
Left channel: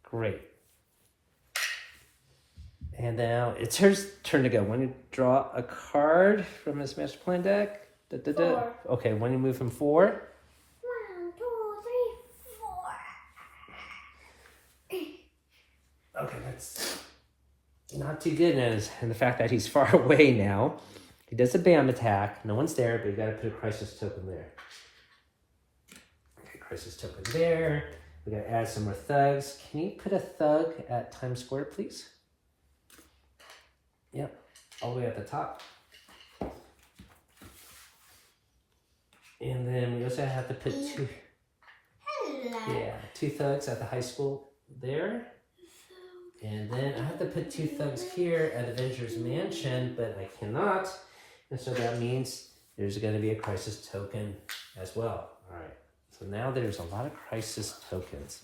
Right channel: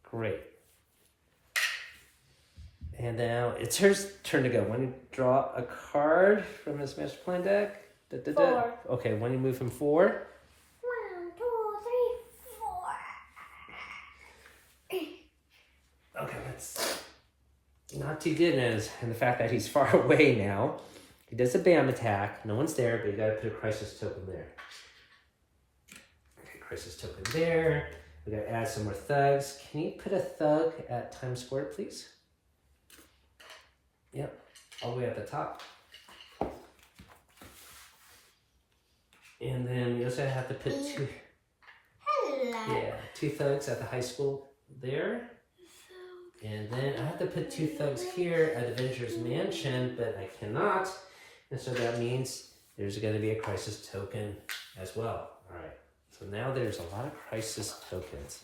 Great. And now it's her turn to go. Want to draw a card from this Master Plan deck? Four. Okay, want to move from 4? 1, 2, 3, 4. Okay, that's not too good in the fact that he's far away now. He does a BAM attack. No one's there, but you gotta put a crisis token there. Okay, crisis token there. We gotta add some more thugs. Can you put a thug at Times Square, please? Yep, all the way at the top. And then we also have to put two. Hello. Yeah, 2 thugs at the high school there. And then I have to put 2 thugs here at Avengers Mansion, but I cannot. And so that means there's going to be a crisis token as well. All right. So now there's a lot of crisis tokens.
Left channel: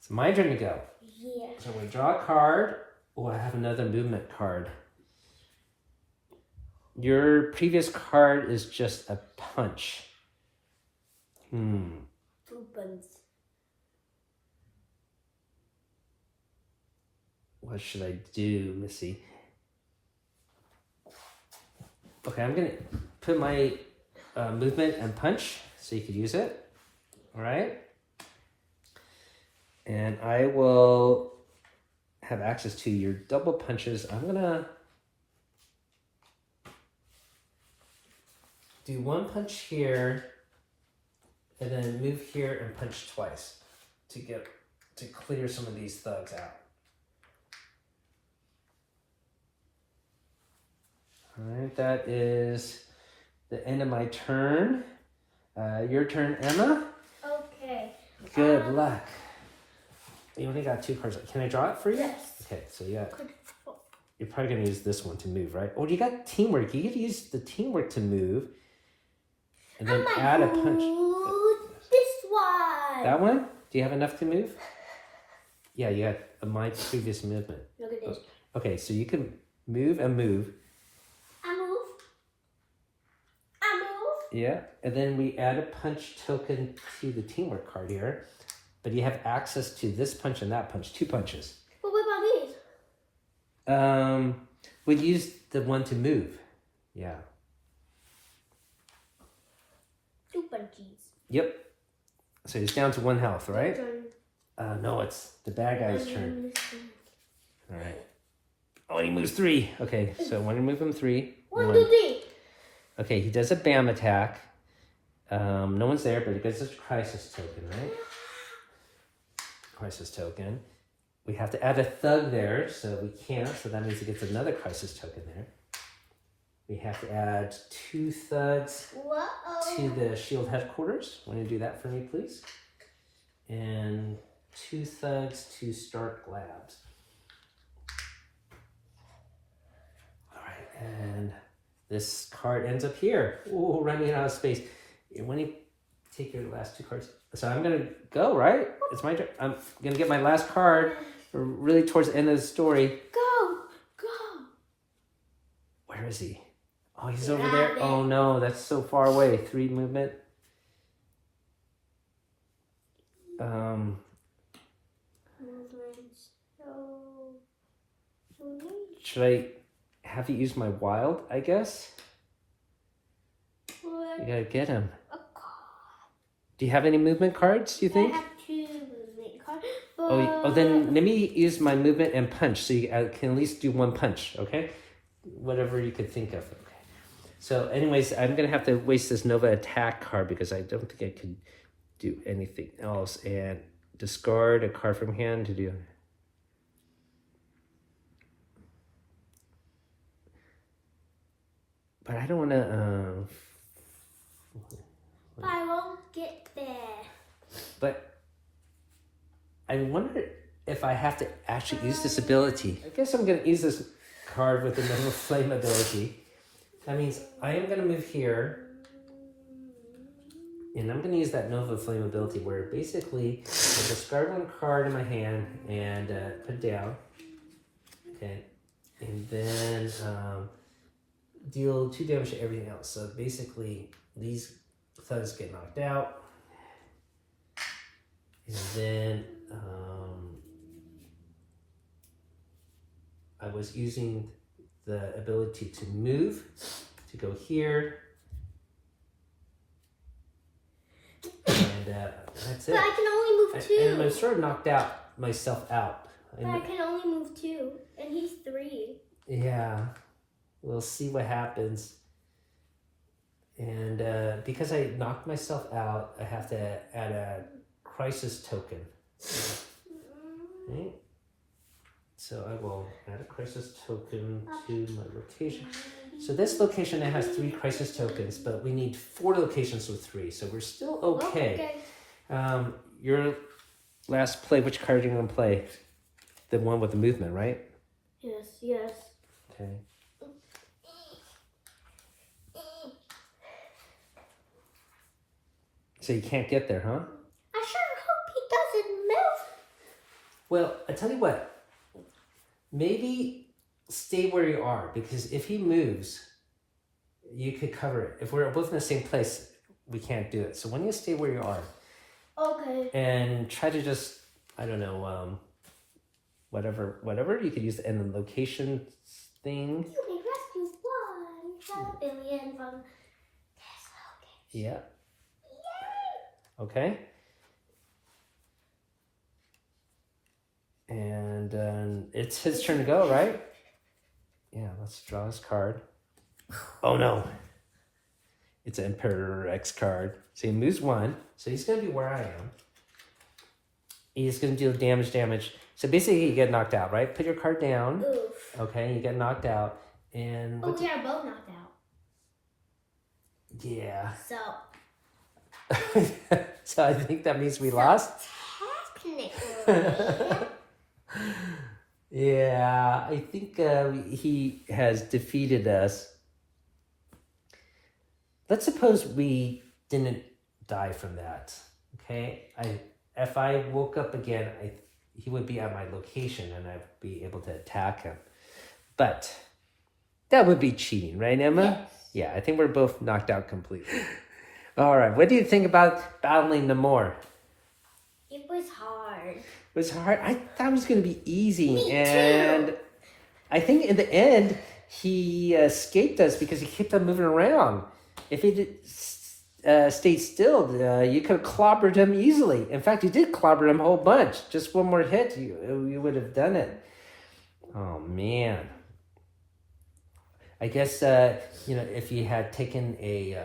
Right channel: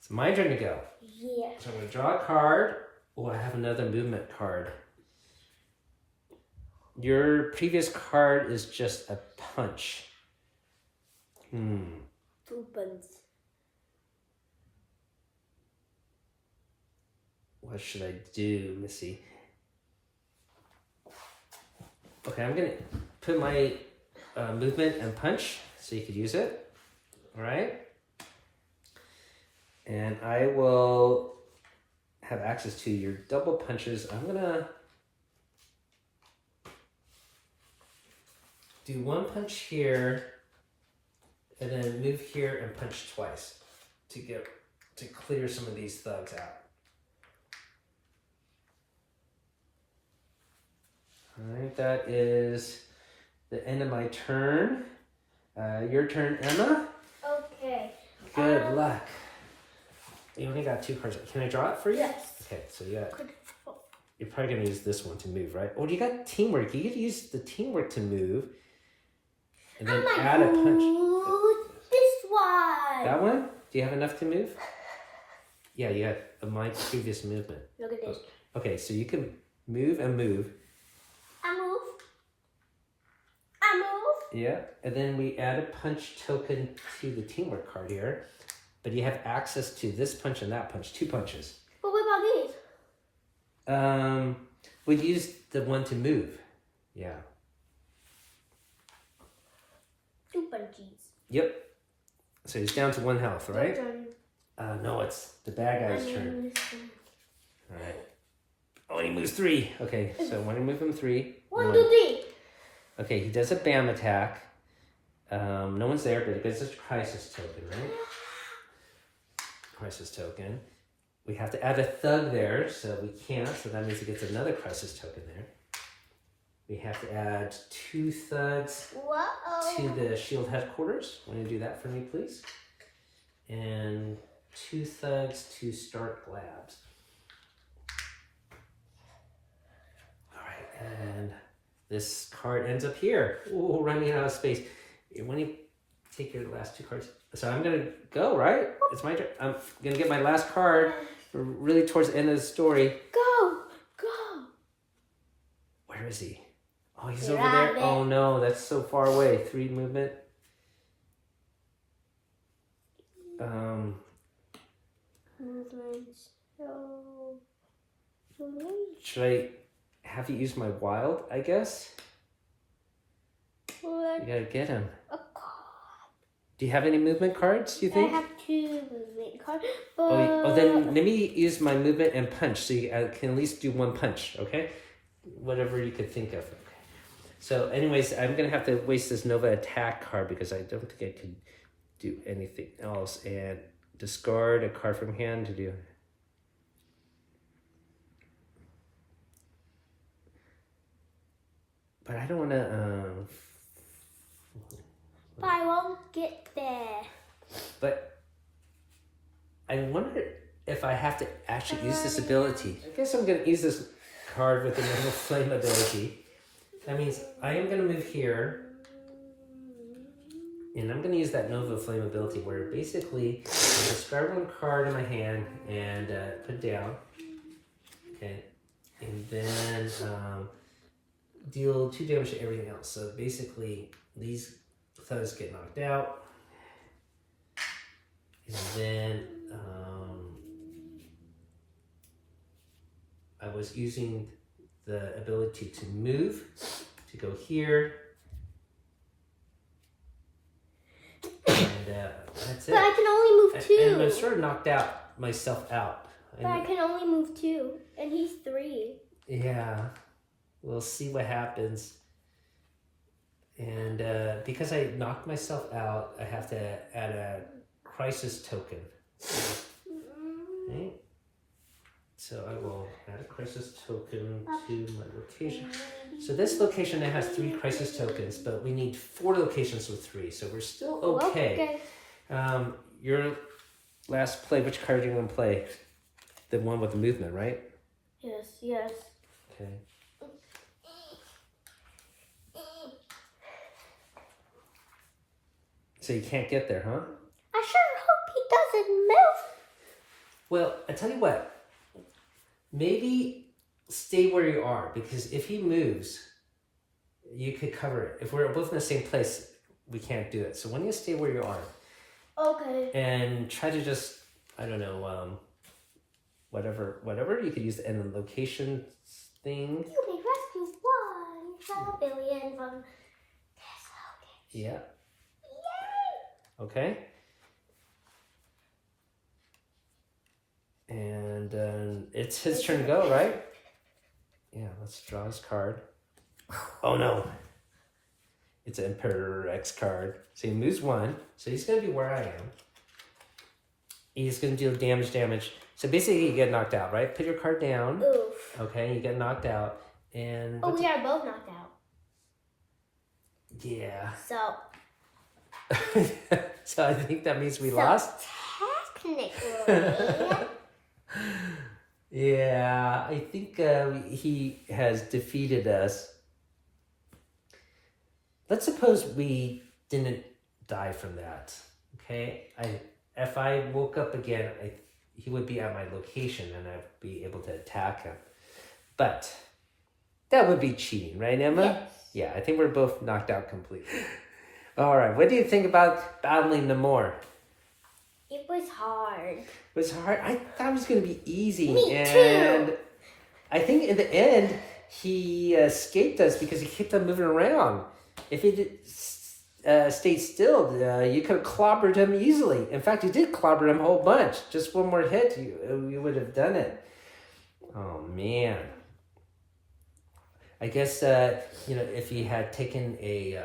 It's my turn to go. Yeah. So I'm going to draw a card. Oh, I have another movement card. Your previous card is just a punch. 2 buttons. What should I do, Missy? Okay, I'm gonna put my movement and punch so you could use it. All right. And I will have access to your double punches. I'm gonna do 1 punch here and then move here and punch twice to clear some of these thugs out. All right, that is the end of my turn. Your turn, Emma. Okay. Good luck. You only got 2 cards. Can I draw it for you? Yes. Okay, so yeah, you're probably gonna use this one to move, right? Oh, you got teamwork. You could use the teamwork to move, and then add a punch. This one. That one? Do you have enough to move? Yeah, you had my previous movement. Look at this. Okay, so you can move and move. I move. Yeah, and then we add a punch token to the teamwork card here. But you have access to this punch and that punch, 2 punches. But what about these? We'd use the one to move. Yeah. 2 punches. Yep. So he's down to 1 health, right? Your turn. No, it's the bad guy's turn. turn. All right. Oh, he moves 3. Okay, so when you move him 3. 1, 2, 3. Okay, he does a BAM attack. No one's there, but he gets his crisis token, right? Crisis token. We have to add a thug there, so we can't, so that means he gets another crisis token there. We have to add 2 thugs to the shield headquarters. Want to do that for me, please? And 2 thugs to Stark Labs. All right, and this card ends up here. Ooh, running out of space. When you take your last 2 cards, so I'm gonna go, right? It's my turn. I'm gonna get my last card. We're really towards the end of the story. Go. Where is he? Oh, he's over there. Oh no, that's so far away. 3 movement. Should I have you use my wild, I guess? You gotta get him. Do you have any movement cards, you think? I have 2 movement cards. Oh, then let me use my movement and punch so you can at least do 1 punch, okay? Whatever you could think of. Okay. So anyways, I'm going to have to waste this Nova attack card because I don't think I can do anything else. And discard a card from hand to do. But I don't want to... But I won't get there. But I wonder if I have to actually use this ability. I guess I'm going to use this card with the Nova Flame ability. That means I am going to move here. And I'm going to use that Nova Flame ability where basically I discard 1 card in my hand and put it down. Okay. And then deal 2 damage to everything else. So basically these thugs get knocked out. And then I was using the ability to move, to go here. And that's it. But I can only move 2. And I sort of knocked myself out. But I can only move 2, and he's 3. Yeah, we'll see what happens. And because I knocked myself out, I have to add a crisis token. Okay. So I will add a crisis token to my location. So this location now has 3 crisis tokens, but we need 4 locations with 3, so we're still okay. Your last play, which card are you going to play? The one with the movement, right? Yes. Okay. So you can't get there, huh? I sure hope he doesn't move. Well, I tell you what. Maybe stay where you are, because if he moves, you could cover it. If we're both in the same place, we can't do it. So why don't you stay where you are? Okay. And try to just, I don't know, whatever. You could use the end of the location thing. You may rescue 1 billion from this location. Yeah. Yay! Okay. And it's his turn to go, right? Yeah, let's draw his card. Oh no. It's an Emperor X card. So he moves 1. So he's going to be where I am. He's going to deal damage. So basically you get knocked out, right? Put your card down. Oof. Okay, you get knocked out. And we are both knocked out. Yeah. So. So I think that means we lost. Technically. Yeah, I think he has defeated us. Let's suppose we didn't die from that. Okay, if I woke up again, he would be at my location and I'd be able to attack him. But that would be cheating, right, Emma? Yes. Yeah, I think we're both knocked out completely. All right, what do you think about battling Namor? It was hard. It was hard. I thought it was going to be easy. Me and too. I think in the end, he escaped us because he kept on moving around. If he did, stayed still, you could have clobbered him easily. In fact, you did clobber him a whole bunch. Just 1 more hit, you would have done it. Oh, man. I guess, if you had taken a,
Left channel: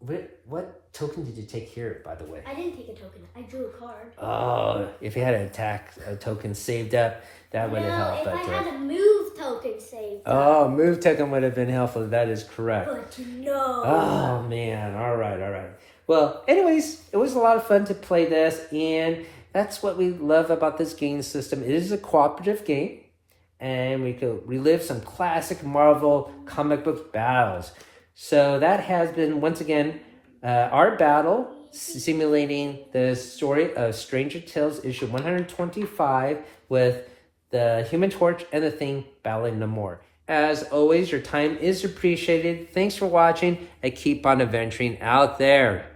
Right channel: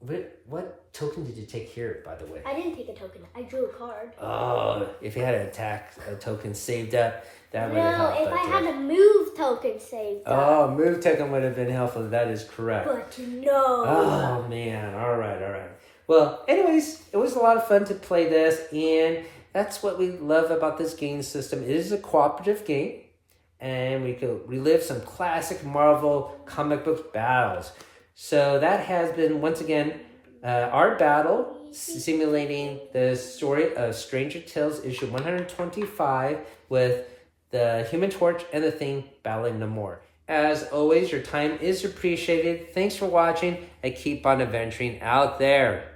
what token did you take here, by the way? I didn't take a token. I drew a card. Oh, if you had an attack token saved up, that would have helped. No, if I had a move token saved up. Oh, move token would have been helpful. That is correct. But no. Oh, man. All right. Well, anyways, it was a lot of fun to play this, and that's what we love about this game system. It is a cooperative game, and we could relive some classic Marvel comic book battles. So that has been, once again, our battle simulating the story of Stranger Tales issue 125 with the Human Torch and the Thing battling Namor. As always, your time is appreciated. Thanks for watching, and keep on adventuring out there.